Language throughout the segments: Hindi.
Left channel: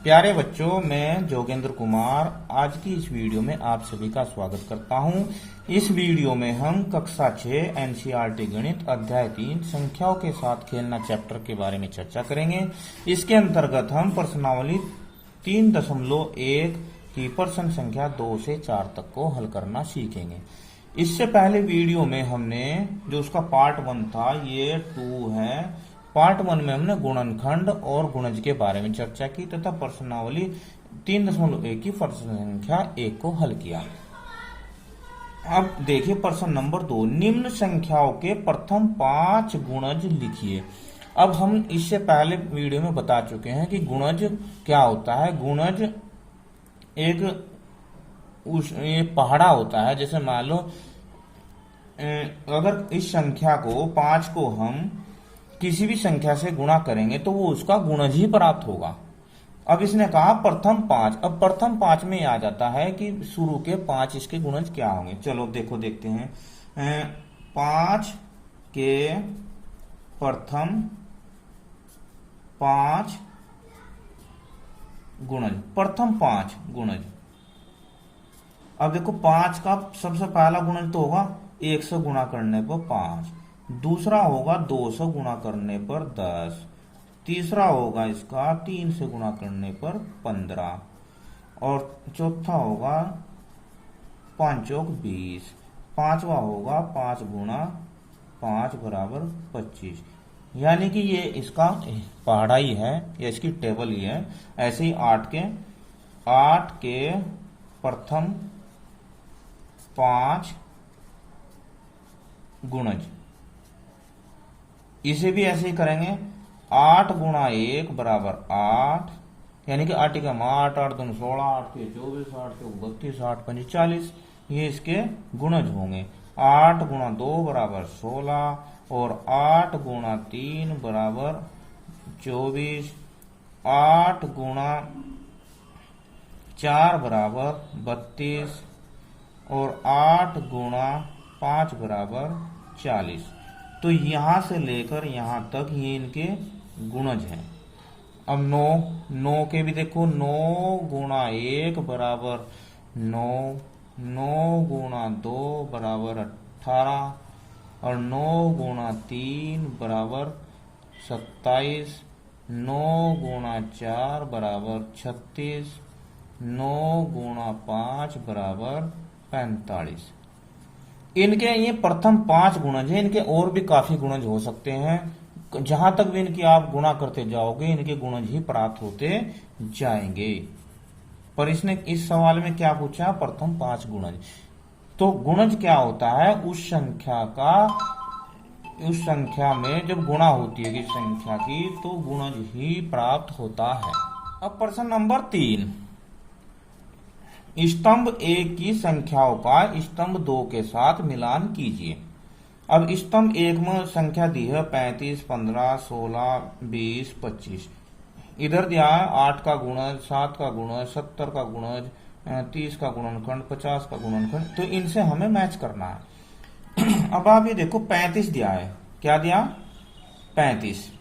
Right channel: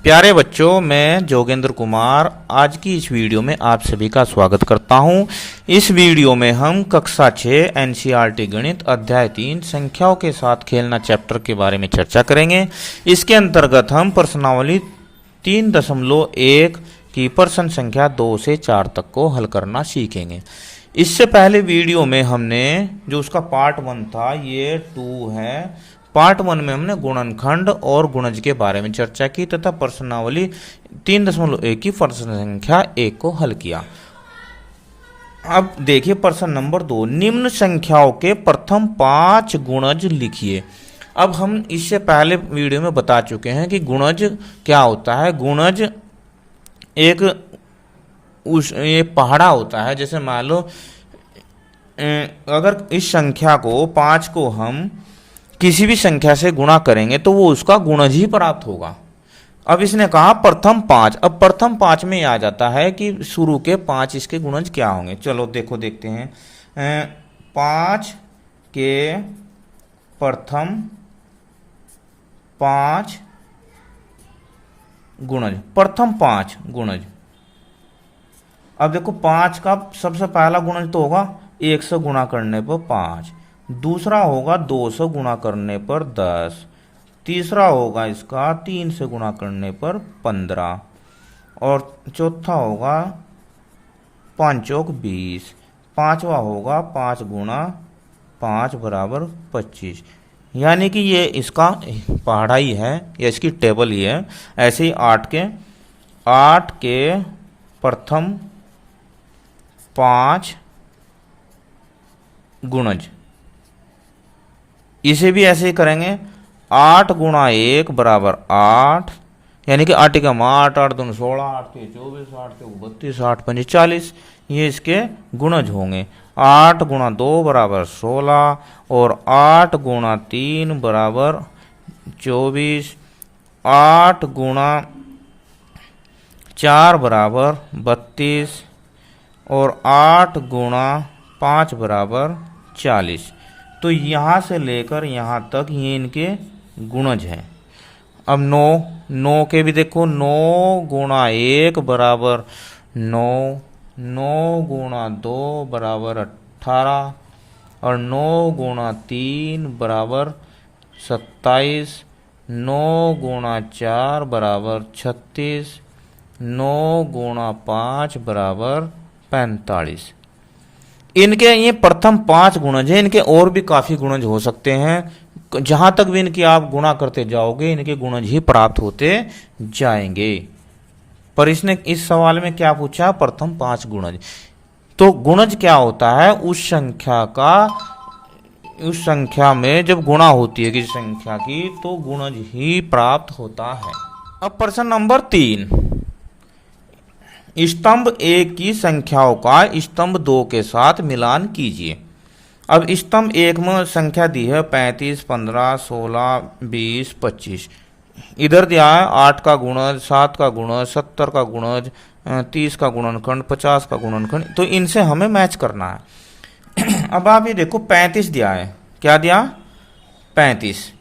प्यारे बच्चों, मैं जोगेंद्र कुमार आज की इस वीडियो में आप सभी का स्वागत करता हूं। इस वीडियो में हम कक्षा 6 एनसीईआरटी गणित अध्याय 3 संख्याओं के साथ खेलना चैप्टर के बारे में चर्चा करेंगे। इसके अंतर्गत हम प्रश्नावली 3.1 की प्रश्न संख्या 2 से 4 तक को हल करना सीखेंगे। इससे पहले वीडियो में हमने जो उसका पार्ट 1 था, ये 2 है। पार्ट 1 में हमने गुणनखंड और गुणज के बारे में चर्चा की तथा प्रश्नावली 3.1 की प्रश्न संख्या 1 को हल किया। अब देखिए प्रश्न नंबर 2, निम्न संख्याओं के प्रथम 5 गुणज लिखिए। अब हम इससे पहले वीडियो में बता चुके हैं कि गुणज क्या होता है। गुणज एक ये पहाड़ा होता है। जैसे मान लो अगर इस संख्या को 5 को हम किसी भी संख्या से गुणा करेंगे तो वो उसका गुणज ही प्राप्त होगा। अब इसने कहा प्रथम 5। अब प्रथम 5 में आ जाता है कि शुरू के 5 इसके गुणज क्या होंगे। चलो देखते हैं। 5 के प्रथम 5 गुणज, प्रथम 5 गुणज। अब देखो 5 का सबसे पहला गुणज तो होगा 100 गुणा करने पर 5, दूसरा होगा 200 गुणा करने पर 10, तीसरा होगा इसका 3 से गुणा करने पर 15 और चौथा होगा 5 चौक 20, पांचवा होगा 5 गुणा 5 बराबर 25। यानी कि ये इसका पहाड़ाई है या इसकी टेबल ही है। ऐसे ही 8 के प्रथम 5 गुणज, इसे भी ऐसे ही करेंगे। 8 गुणा 1 बराबर 8, यानी कि 8 का 8, 8 दूनी 16, 8 के 24, 8 के 32, 8 पंजे 40, ये इसके गुणज होंगे। 8 गुणा 2 बराबर 16 और 8 गुणा 3 बराबर 24, 8 गुणा 4 बराबर 32 और 8 गुणा 5 बराबर 40। तो यहाँ से लेकर यहाँ तक ये इनके गुणज हैं। अब 9 के भी देखो। 9 गुणा 1 बराबर 9, 9 गुणा 2 बराबर 18 और 9 गुणा 3 बराबर 27, 9 गुणा 4 बराबर 36, 9 गुणा 5 बराबर 45। इनके ये प्रथम 5 गुणज हैं। इनके और भी काफी गुणज हो सकते हैं। जहां तक भी इनकी आप गुणा करते जाओगे इनके गुणज ही प्राप्त होते जाएंगे। पर इसने इस सवाल में क्या पूछा? प्रथम 5 गुणज। तो गुणज क्या होता है? उस संख्या में जब गुणा होती है किसी संख्या की तो गुणज ही प्राप्त होता है। अब प्रश्न नंबर 3, स्तंभ 1 की संख्याओं का स्तंभ 2 के साथ मिलान कीजिए। अब स्तंभ 1 में संख्या दी है 35, 15, 16, 20, 25। इधर दिया है 8 का गुणज, 7 का गुणज, 70 का गुणज, 30 का गुणनखंड, 50 का गुणनखंड। तो इनसे हमें मैच करना है। अब आप ये देखो 35 दिया है। क्या दिया? 35।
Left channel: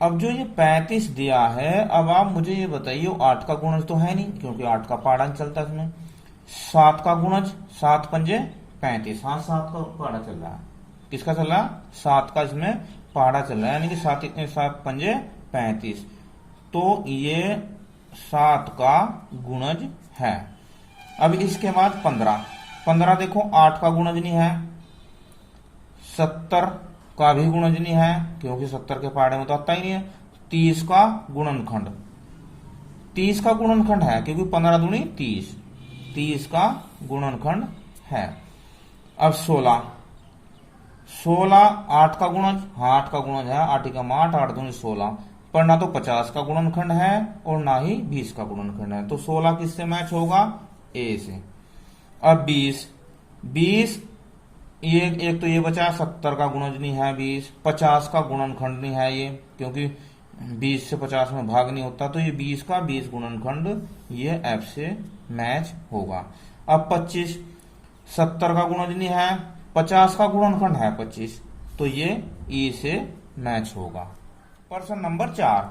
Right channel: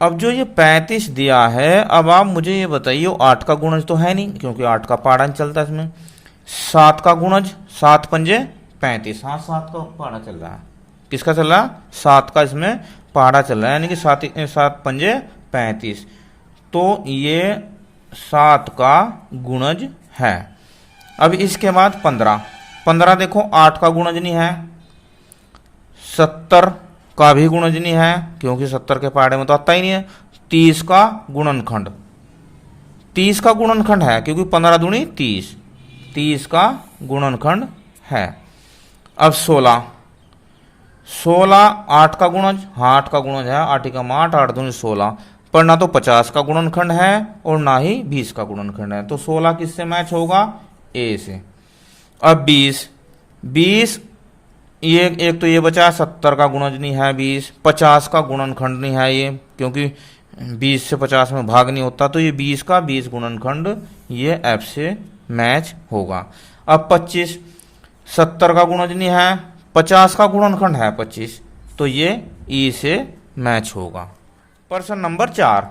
अब जो ये 35 दिया है, अब आप मुझे ये बताइए 8 का गुणज तो है नहीं क्योंकि 8 का पहाड़ा नहीं चलता इसमें। 7 का गुणज, 7 पंजे 35। हाँ, 7 का पहाड़ा चल रहा है। किसका चल रहा है? 7 का इसमें पहाड़ा चल रहा है, यानी कि 7 पंजे 35। तो ये 7 का गुणज है। अब इसके बाद 15 देखो 8 का गुणज नहीं है, 70 का भी गुणज नहीं है क्योंकि 70 के पहाड़े में तो आता ही नहीं है। 30 का गुणनखंड, 30 का गुणनखंड है क्योंकि 15 दूनी 30, 30 का गुणनखंड है। अब 16 8 का गुणज, हाँ 8 का गुणज है। 8 का 8, 8 दूनी 16, पर ना तो 50 का गुणनखंड है और ना ही 20 का गुणनखंड है। तो 16 किससे मैच होगा? ए से। अब 20 ये एक तो ये बचा 70 का गुणज नहीं है 20, 50 का गुणनखंड नहीं है ये क्योंकि 20 से 50 में भाग नहीं होता। तो ये 20 का 20 गुणनखंड ये एफ से मैच होगा। अब 25, 70 का गुणज नहीं है, 50 का गुणनखंड है 25, तो ये ई से मैच होगा। प्रश्न नंबर 4,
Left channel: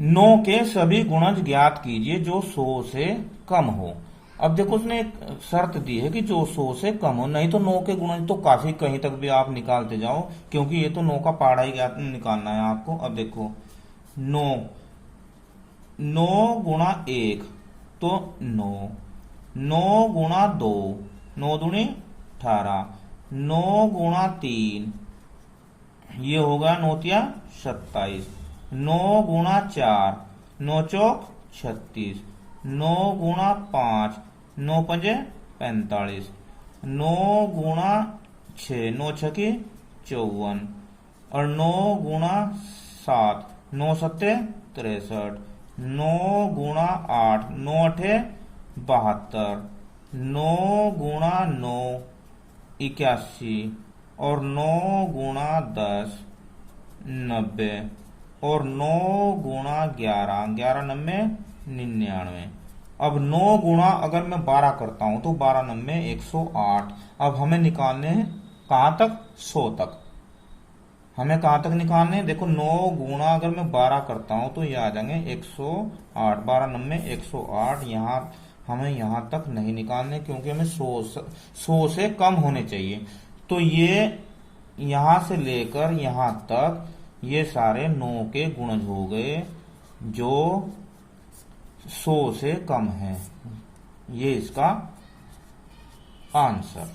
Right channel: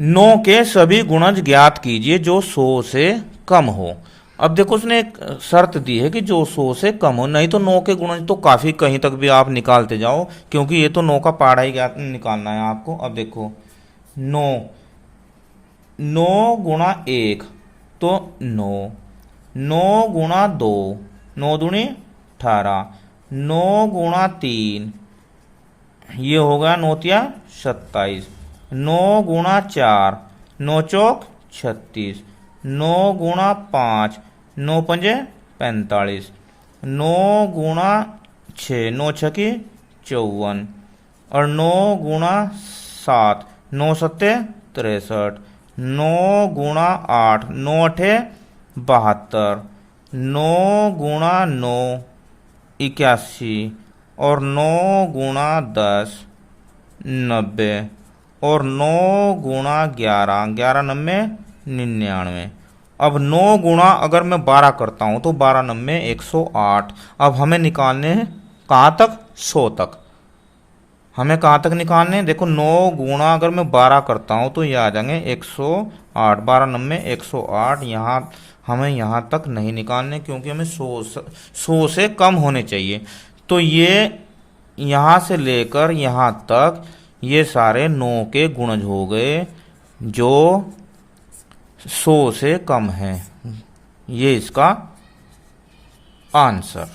9 के सभी गुणज ज्ञात कीजिए जो 100 से कम हो। अब देखो उसने एक शर्त दी है कि जो 100 से कम हो, नहीं तो 9 के गुणज तो काफी कहीं तक भी आप निकालते जाओ, क्योंकि ये तो 9 का पहाड़ा ही ज्ञात निकालना है आपको। अब देखो 9 गुणा 1 तो 9 गुणा 2 9 दूनी 18, 9 गुणा 3 ये होगा 9 तिया 27, 9 गुणा 4 9 चौक 36, 9 गुणा 5 9 पंजे 45, 9 गुणा 6 9 छकी 54, और 9 गुणा 7 9 सत्ते 63, 9 गुणा 8 9 अठे 72, 9 गुणा 9 81, और 9 गुणा 10 90, और 9 गुणा 11 11 नब्बे 99। अब 9 गुणा अगर मैं 12 करता हूं तो 12 नब्बे 108। अब हमें निकालने हैं कहाँ तक, 100 तक। हमें कहाँ तक निकालने हैं, देखो 9 गुणा अगर मैं 12 करता हूं तो ये आ जाएंगे 108, 12 नब्बे 108। यहाँ हमें यहाँ तक नहीं निकालने, क्योंकि हमें 100 से कम होने चाहिए। तो ये यहाँ से लेकर यहाँ तक ये सारे 9 के गुणज हो गए जो 100 से कम है। ये इसका आंसर।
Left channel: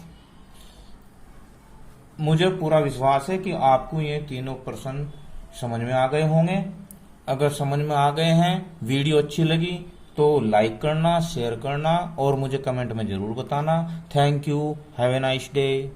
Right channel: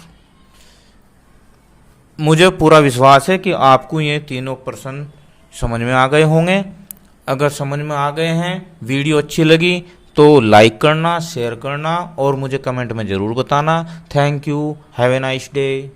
मुझे पूरा विश्वास है कि आपको ये तीनों प्रश्न समझ में आ गए होंगे। अगर समझ में आ गए हैं, वीडियो अच्छी लगी तो लाइक करना, शेयर करना और मुझे कमेंट में ज़रूर बताना। Thank you, have a nice day.